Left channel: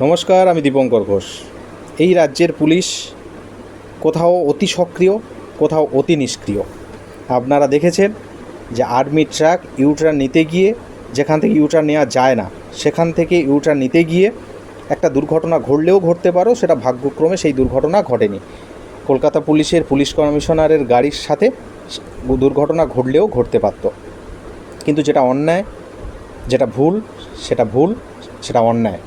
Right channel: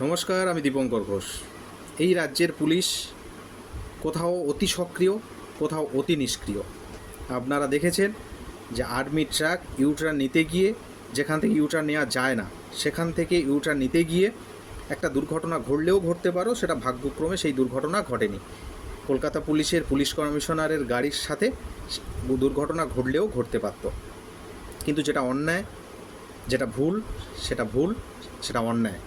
নমস্কার, আমি দীপঙ্কর ঘোষ। এই রাজ্যের পুলিশ কোথাও অতি সক্রিয়, কোথাও অতি নিষ্ক্রিয়। আপনারা দেখেছেন যে আর্মি ট্রাক ইউটার্ন নিতে গিয়ে, যেখান থেকে ইউটার্ন নেওয়া যায় না সেখান থেকে ইউটার্ন নিতে গিয়ে একটা দুর্ঘটনা ঘটলেও ঘটতে পারো, সেটা ভাগ্যক্রমে সেই দুর্ঘটনা ঘটেনি। কলকাতা পুলিশের পুলিশ কমিশনারের গাড়ির সাথে দুর্ঘটনা ঘটলেও ঘটতে পারত, কিন্তু যেটা অন্যায়, যেটা ভুল, সেটা অন্যায়।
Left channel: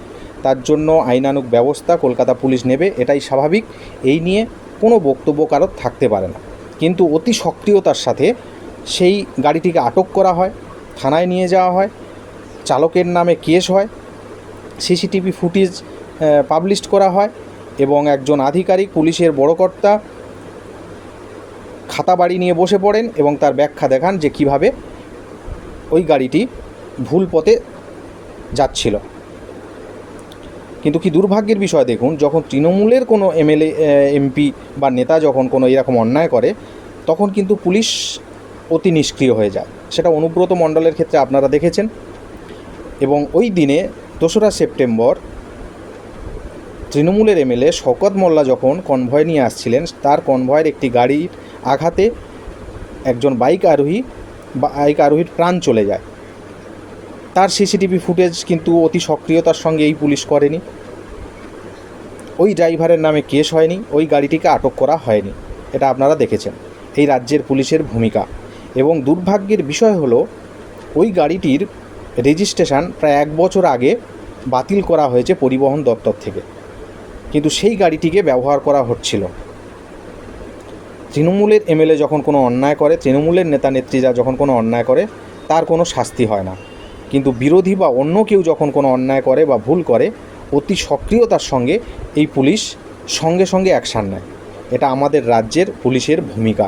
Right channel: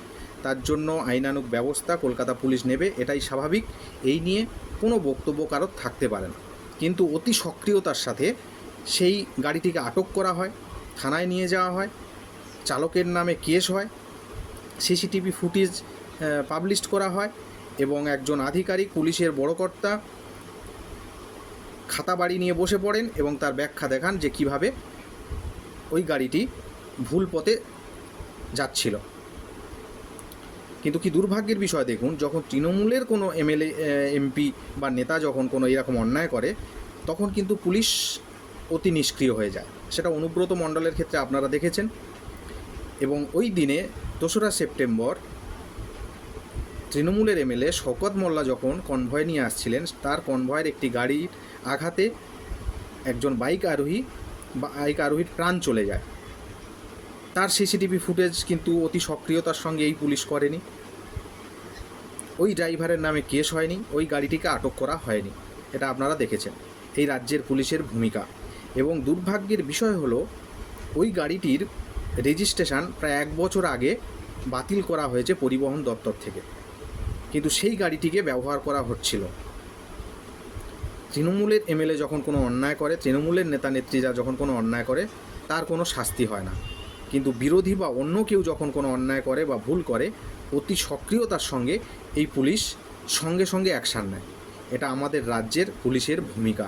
তার জন্য আইনানুগ ব্যবস্থা কলকাতা পুলিশ নেবে, এটাই স্বাভাবিক। এই নিয়ে কোনো বক্তব্য কারোর থাকতে পারে না। কিন্তু অতি সক্রিয়তার সাথে সেই গাড়িটিকে আটক করা হয়, থানায় নিয়ে যাওয়া হয়, চালকের নামে কেস হয়, সিসিটিভি ফুটেজ পাবলিশ করা হয় এবং একজন আধিকারিক, পুলিশের বড় কর্তা খাতা বাড়ি নিয়ে বসে পড়েন এবং তার ব্যাখ্যা দেখান যে কীভাবে ওই গাড়িটি ভুল পথে যাচ্ছিল। কিন্তু কি দুর্ভাগ্যের বিষয় দেখুন, যখন তৃণমূলের কোনো এমএলএ, এমপি বা নেতা যখন কোনো এরকম অন্যায় করে, তখন কিন্তু পুলিশ অতি নিষ্ক্রিয় হয়ে যায়। সেটা অনুব্রত মণ্ডলের ক্ষেত্রে আপনারা দেখেছেন। এবং ওই দিনে 2রা সেপ্টেম্বর তৃণমূলের এমএলএ শওকত মোল্লা যখন কনভয় নিয়ে আসছিলেন, তার কনভয়ের একটি গাড়ির আঘাতে একজন বাইক আরোহীর প্রাণ চলে যায়। তার সিসিটিভি ফুটেজ কিন্তু অতি সক্রিয়তার সঙ্গে এই পুলিশ করেনি। ওই ড্রাইভারের নামে কেস হয়নি, ওই গাড়িটিকে আটক করা হয়নি। এটা আপনারা দেখেছেন এই রাজ্যের পুলিশের ভূমিকা। এবং দুর্ভাগ্যের বিষয় হলো, ওই গাড়িটির রেজিস্ট্রেশন প্রায় 1 বছর আগে বাতিল করা হয়েছে পরিবহন দপ্তর থেকে, কিন্তু সেই গাড়িটিকে ব্যবহার করা হচ্ছিল। তৃণমূলের এমএলএ যখন কোনো অন্যায় করে, তৃণমূলের নেতা নেত্রীরা যখন কোনো অন্যায় করে, তার কোনো শাস্তি হয় না। কিন্তু বিরোধী বা অন্য কেউ যখন কোনো অন্যায় করে বা ভুল করে, অতি সক্রিয়তার সঙ্গে এই পুলিশ সঙ্গে সঙ্গে অ্যাকশান নেয়। এটা আমাদের রাজ্যের পুলিশের ভূমিকা।